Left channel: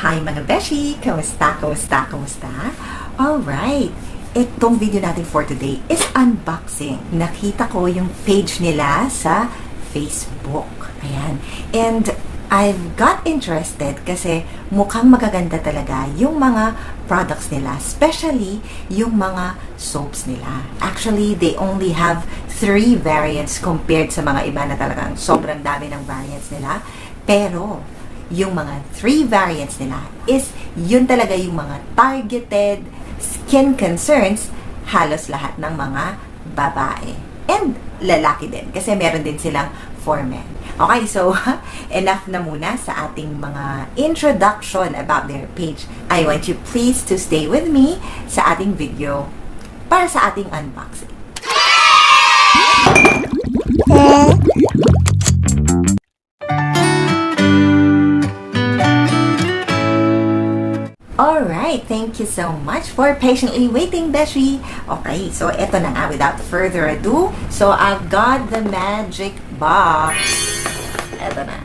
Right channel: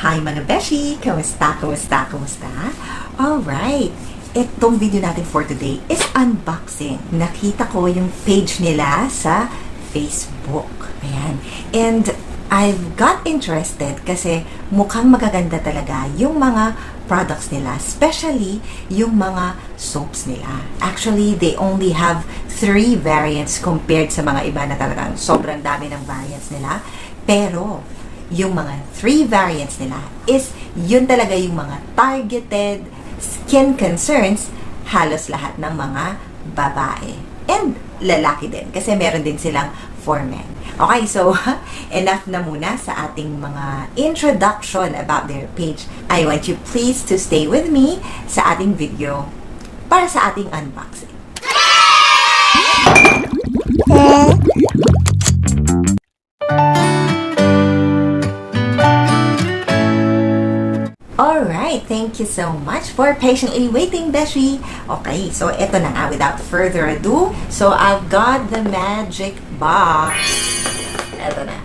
Hi mga beshi! Kamusta? Kamusta? Kamusta? Alright! Itong video natin for today is unboxing. Nakita ko yung page nila sa Facebook. Ayan. And I've got interested kasi mukhang magaganda talaga yung mga products nila. Especially yung mga soaps nila. Actually, they only have 3 variants compared sa mga iba na talagang sobrang dami ng variants nila. Pero, yung mga 3 variants nila is yun talaga yung mga targeted skin concerns halos lahat ng mga babae. And lalaki din. Kasi meron din silang for men. Okay, so enough na muna sa ating mga introduction about their page. I want you please to stay with me sa ating video para sa ating unboxing. Alright, thank you so much for patiently waiting, Beshi. Okay, so eto na nga, without further ado. So, I've got the magic box. Eto na.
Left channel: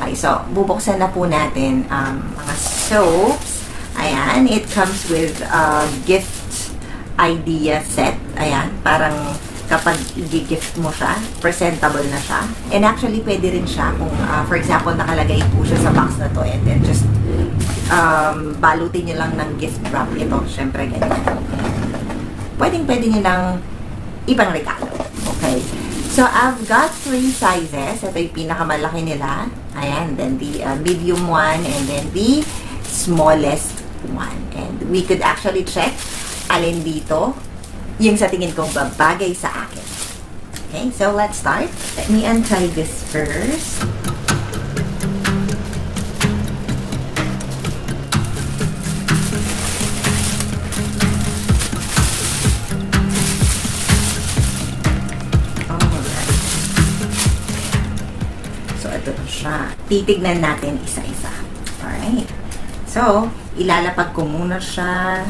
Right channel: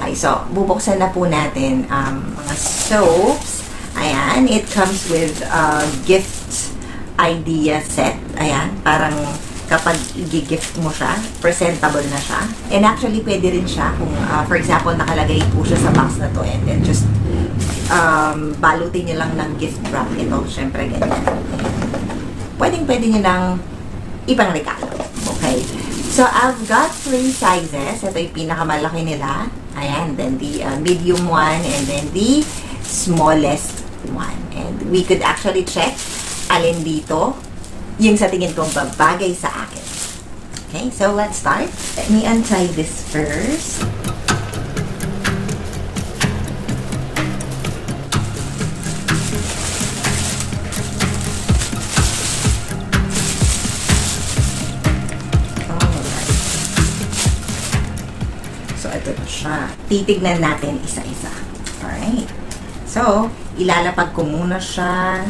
Okay, so, bubuksan na po natin mga soaps. Ayan, it comes with gift idea set. Ayan, parang kapag i-gift mo siya, presentable na siya. And actually, pwede rin siya kung, for example, nakalagay po siya sa box na to and then just balutin niyo lang ng gift wrap ito. Siyempre, ganyan. Pwede niyo lang ibang regalo. Okay. So, I've got 3 sizes. Ito yung pinakamalaki nila. Ayan. Then, the medium one and then the smallest one. And we could actually check alin dito yung sa tingin kong babagay sa akin. Okay, so let's start. Let me untie this first. So, ito na siya. Titignan natin isa-isa. Alright. So, ilalapag ko muna siya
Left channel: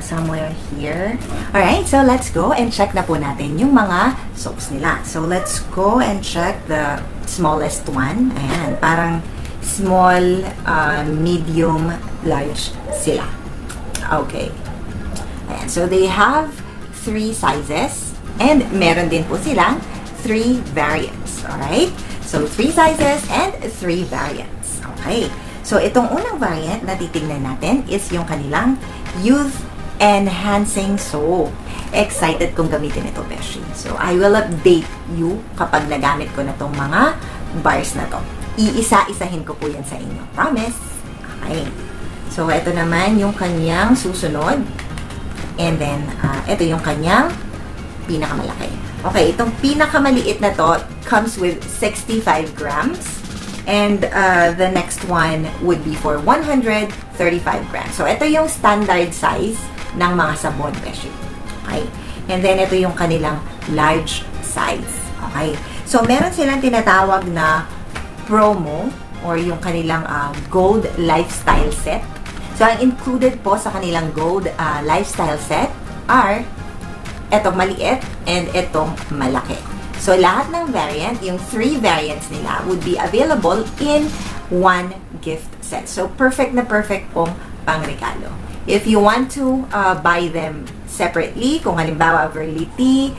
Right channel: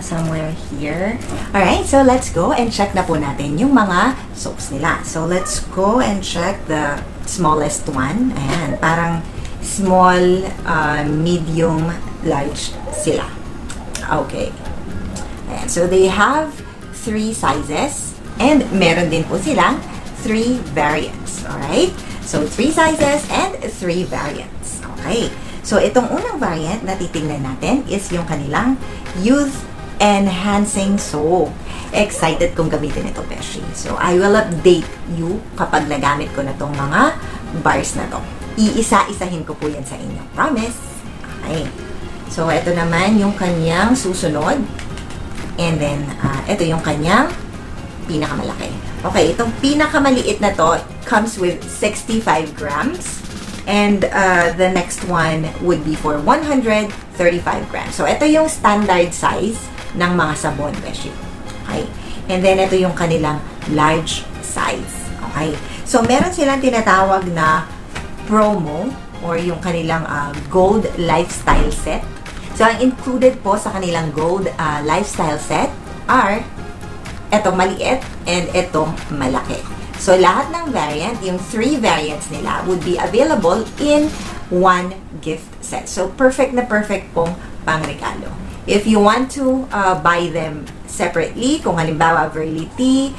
somewhere here. Alright, so let's go and check na po natin yung mga soaps nila. So let's go and check the smallest one. Ayan, parang small, medium, large sila. Okay. Ayan, so they have 3 sizes and meron din po silang 3 variants. Alright? So 3 sizes and 3 variants. Okay. So itong unang variant na titignan natin is yung kanilang Youth Enhancing Soap. Excited kong gamitin ito, Beshi. So, I will update you kapag nagamit ko na itong mga bars na to. Iisa-isahin ko po yan sa inyo. Promise? Okay. So, ito naman yung kanyang susunod. And then, ito yung kanyang pinakamalaki. Okay, ito pinakamaliit na to comes with 65 grams. And the next one would be for 135 grams. So, ito yung standard size ng mga sabon, Beshi. Okay? And then, ito yung kanilang large size. Okay? So, meron silang tinatawag na promo or yung kanilang gold lifestyle set. So, ang included po sa kanilang gold lifestyle set are etong maliit and etong malaki. So, lahat ng variant, yung 3 variants nila would be available in 1 gift set. So, perfect na perfect pong pangregalo. If you want to buy them separately, kung halimbawa virility,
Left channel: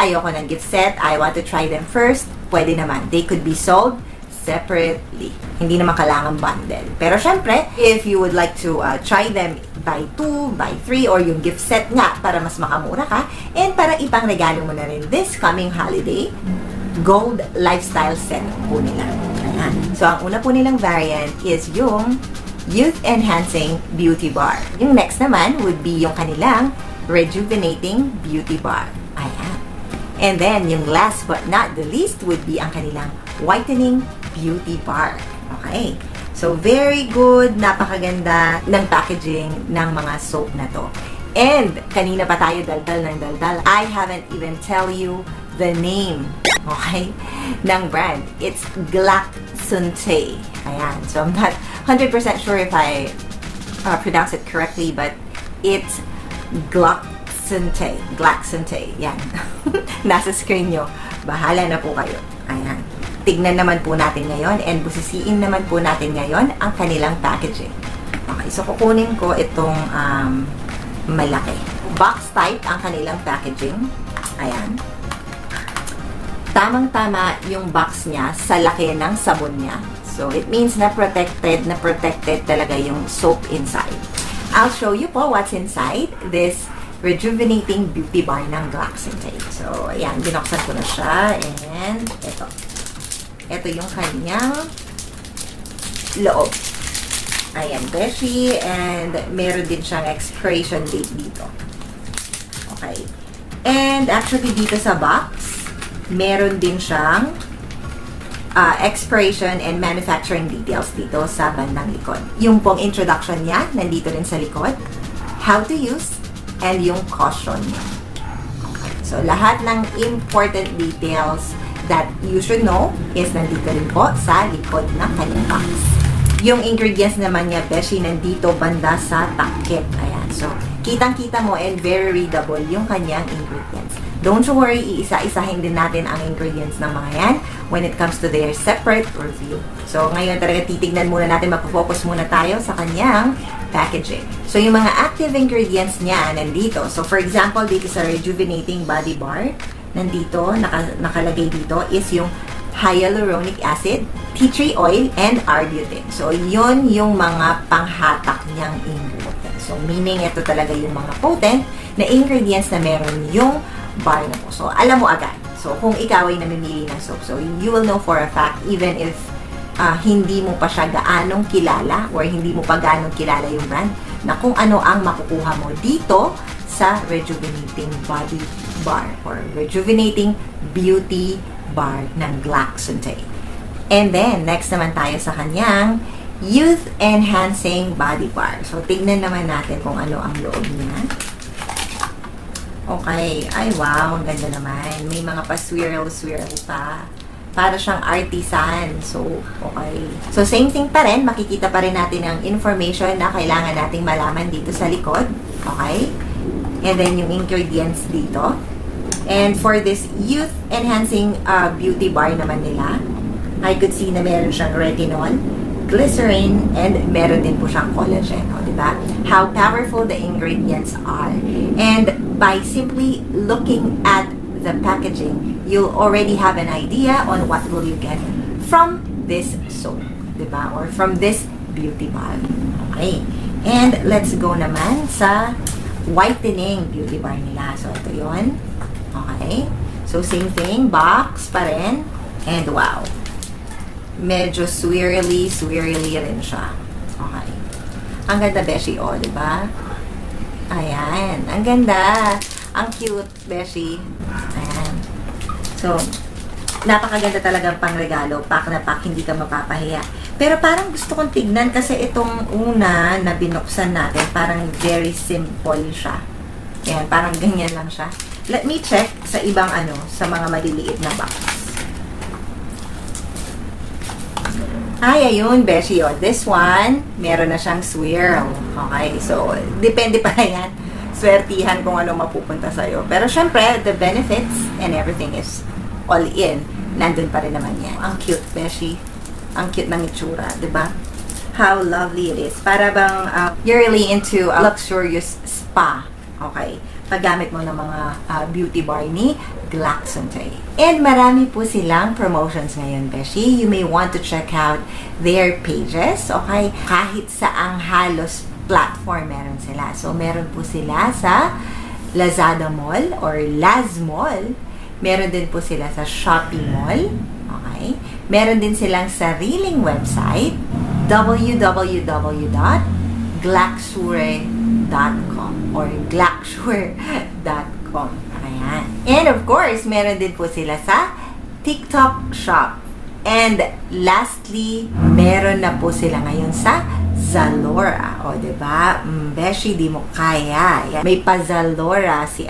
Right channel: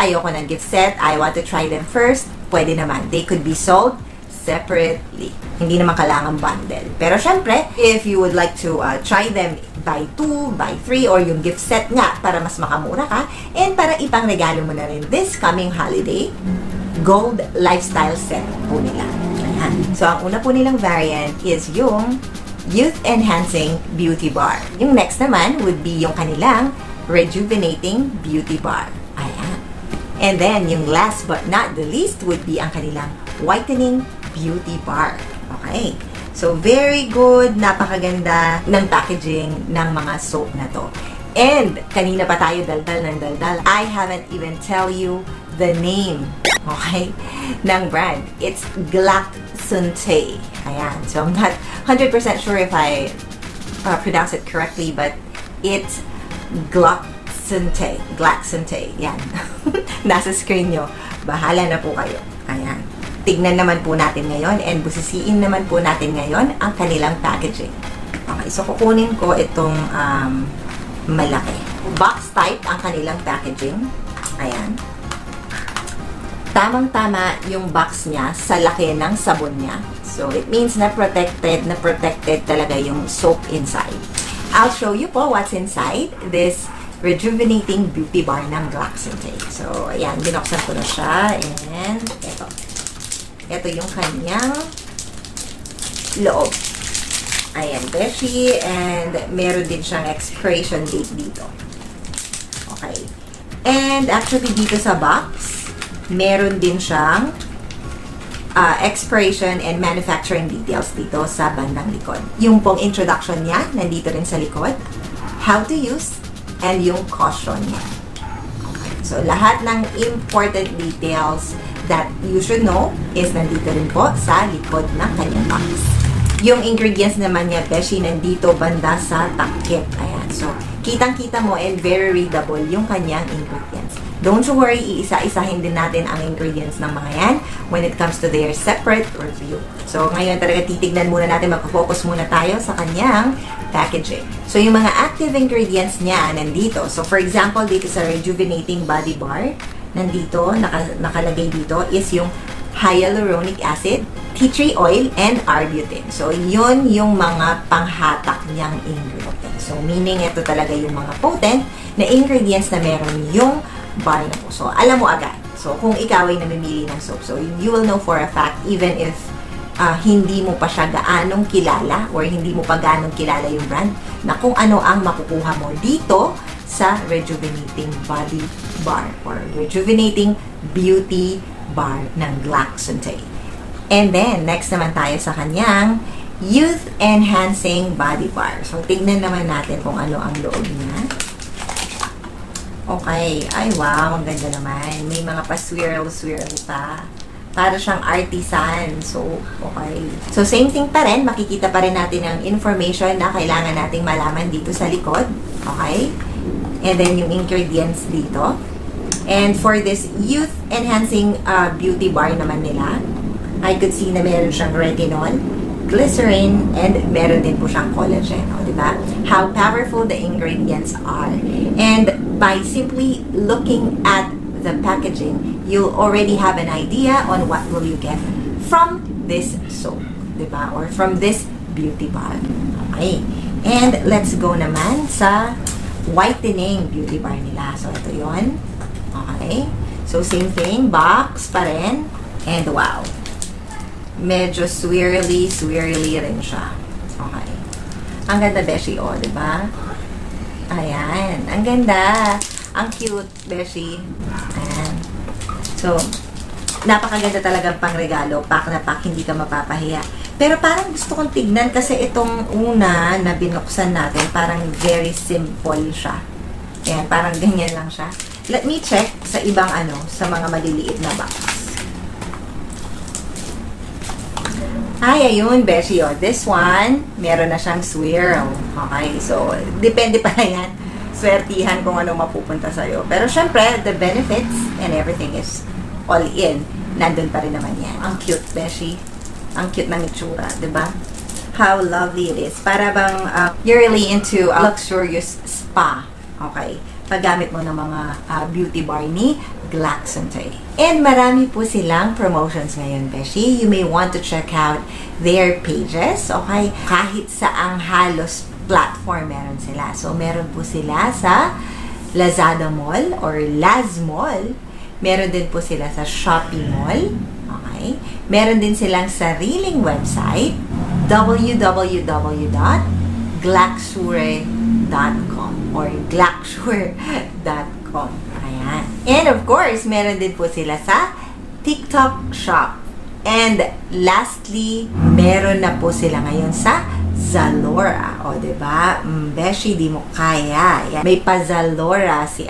ayoko ng gift set, I want to try them first, pwede naman. They could be sold separately. Hindi naman kailangan bundle. Pero syempre, if you would like to try them buy 2, buy 3, or yung gift set nga para mas makamura ka, and para ipang regalo mo na rin this coming holiday, gold lifestyle set po nila. Ayan. So, ang una po nilang variant is yung Youth Enhancing Beauty Bar. Yung next naman would be yung kanilang Rejuvenating Beauty Bar. Ayan. And then, yung last but not the least would be ang kanilang Whitening Beauty Bar. Okay. So, very good. Napakaganda ng packaging ng mga soap na to. And, kanina pa tayo daldal ng daldal. I haven't even tell you the name, okay, ng brand. It's Glaxante. Ayan. So, I'm not 100% sure if I pronounce it correctly, but it's Glaxante. Yan. Nasa screen nyo. Bahala na po kayo. Ayan. tignan naman po natin ngayon and busisiin naman po natin ngayon ang kanilang packaging. Okay, so kukunin ko itong malaki. Box type ang kanilang packaging. Ayan. Tamang-tama yung box niya sa laki ng sabon niya. So, it means na protected talaga yung soap inside. I'll show you po what's inside this rejuvenating beauty bar ng Glaxentay. So, ayan, binuksan ko na siya. And, ito yung kanyang loob. Ayan, beshi. And, meron din siyang expiration date dito. Okay. And, actually, dito sa box, meron din siyang expiration and manufacturing details dito sa bandang likod. Yung pong introduction niya, nandito rin sa likod. How to use, and yung caution niya. Okay. So, lahat ng important details that you should know is nandito rin po sa likod ng kanyang box. Yung ingredients naman niya, beshi, nandito banda sa takip. Ayan. So, kitang-kita mo and very readable yung kanyang ingredients. Don't worry, iisa-isahin din natin ang ingredients ng mga yan when it comes to their separate review. So, ngayon talaga titignan muna natin, mag-focus muna tayo sa kanyang packaging. So, yung mga active ingredients niya nandito. So, for example, dito sa Rejuvenating Body Bar, nandito, nakalagay dito is yung hyaluronic acid, tea tree oil, and arbutin. So, yun yung mga panghatak niyang ingredients. So, meaning ito talaga yung mga potent na ingredients na meron yung body na po. So, alam mo agad. So, kung ikaw ay namimili ng soap, so you will know for a fact, even if hindi mo pa siya gaanong kilala or hindi mo pa gaanong kilala yung brand, na kung ano ang makukuha mo dito sa Rejuvenating Body Bar or Rejuvenating Beauty Bar ng Glaxentay. And then, next naman tayo sa kanyang Youth Enhancing Body Bar. So, tingnan naman natin kung ano ang loob niya. Okay. Ay, wow. Ang ganda naman. May mga pa-swirl-swirl pa. Para siyang artisan. So, okay. So, same thing pa rin. Makikita pa rin natin ang information na kailangan nating malaman dito sa likod. Okay? And then, yung ingredients dito. And for this Youth Enhancing Beauty Bar naman nila, I could see na meron siyang retinol, glycerin, and meron din po siyang collagen. O, diba? How powerful the ingredients are. And by simply looking at the packaging, you'll already have an idea on what will you get from this soap, diba? Or from this beauty bar. Okay. And let's go naman sa Whitening Beauty Bar nila. So, ito yun. Okay. So, same thing. Box pa rin. And wow. Medyo swirly rin siya. Okay. Ang ganda, beshi, o, diba? Ayan. Ang ganda. Ang cute, beshi. Ayan. So, napakaganda talaga pang regalo. Pack na pack, hindi ka mapapahiya. Pero parang gusto kong tignan kasi itong una na binuksan natin, parang very simple siya. Ayan, parang ganyan lang siya. Let me check sa ibang sa mga maliliit na box. Ay, ayun, beshi, yun. This one, meron na siyang swirl. Okay, so, depende pa yan. Swertihan kung ano mapupunta sa'yo. Pero syempre, the benefits and everything is all in. Nandun pa rin naman yan. Ang cute, beshi. Ang cute ng itsura, diba? How lovely it is. Para bang you're really into a luxurious spa. Okay. Paggamit mo ng mga beauty bar ni Glaxentay. And marami po silang promotions ngayon, beshi. You may want to check out their pages, okay? Kahit saang halos platform meron sila. So, meron po sila sa Lazada Mall or Laz Mall. Meron din po sila sa Shopee Mall. Okay? Meron din silang sariling website, www.glaxure.com or glaxure.com. Ayan. And of course, meron din po sila sa TikTok Shop. And lastly, meron na po sila ngayon sa Zalora. O, diba? Beshi, di mo kaya. Ayan. May pa Zalora si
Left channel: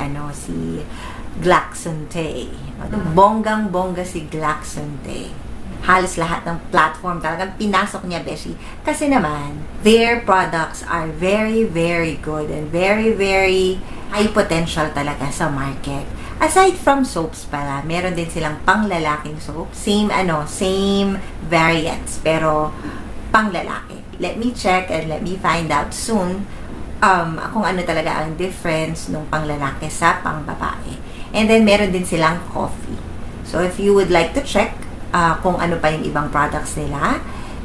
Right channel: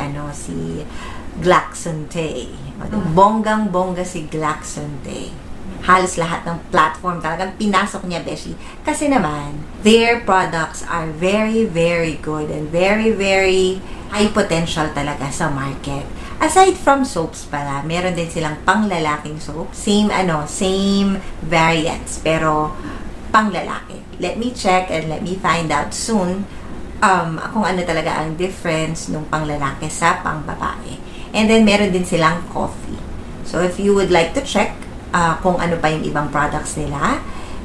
Glaxentay. Bonggang-bongga si Glaxentay. Halos lahat ng platform talagang pinasok niya, beshi. Kasi naman, their products are very, very good and very, very high potential talaga sa market. Aside from soaps pala, meron din silang panglalaking soap. Same variants, pero panglalaki. Let me check and let me find out soon kung ano talaga ang difference nung panglalaki sa pangbabae. And then, meron din silang coffee. So, if you would like to check kung ano pa yung ibang products nila,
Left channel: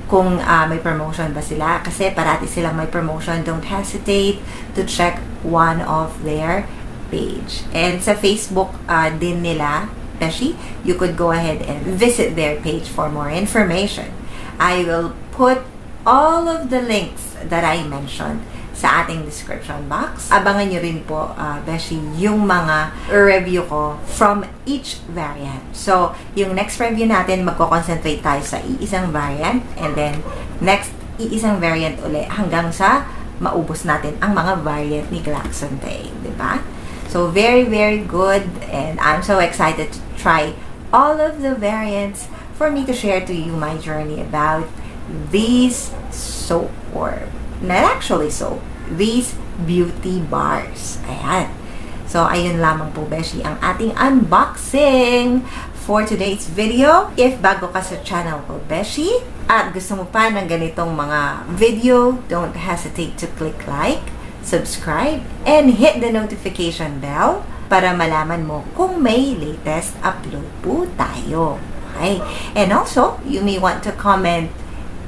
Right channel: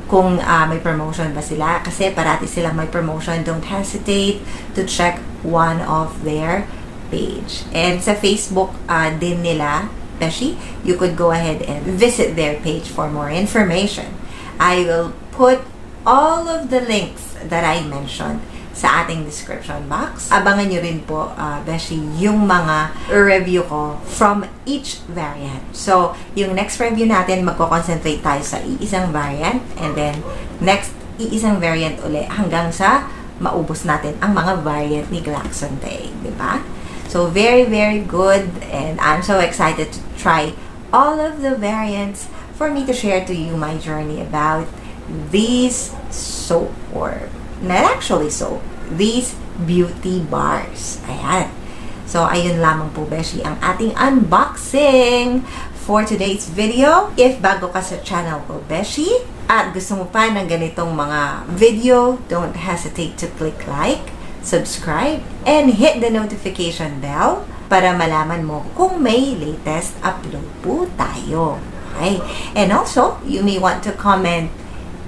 kung may promotion ba sila, kasi parati silang may promotion, don't hesitate to check one of their page. And sa Facebook din nila, Beshi, you could go ahead and visit their page for more information. I will put all of the links that I mentioned sa ating description box. Abangan nyo rin po, Beshi, yung mga review ko from each variant. So, yung next review natin, magko-concentrate tayo sa iisang variant, and then next, iisang variant uli hanggang sa maubos natin ang mga variant ni Glaxonte, di ba? So, very, very good, and I'm so excited to try all of the variants for me to share to you my journey about these soap, or not actually soap, these beauty bars. Ayan. So, ayun lamang po, Beshi, ang ating unboxing for today's video. If bago ka sa channel ko, Beshi, at gusto mo pa ng ganitong mga video, don't hesitate to click like, subscribe, and hit the notification bell para malaman mo kung may latest upload po tayo. Okay? And also, you may want to comment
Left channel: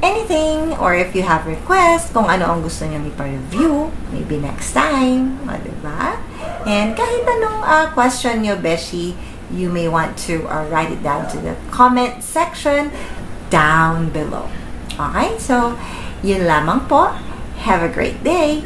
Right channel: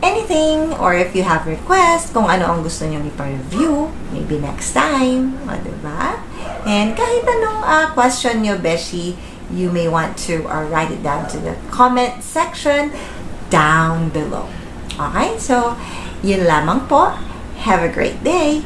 anything, or if you have requests, kung ano ang gusto nyo ipa-review, maybe next time, o, diba? And kahit anong question nyo, Beshi, you may want to write it down to the comment section down below. Okay? So, yun lamang po. Have a great day!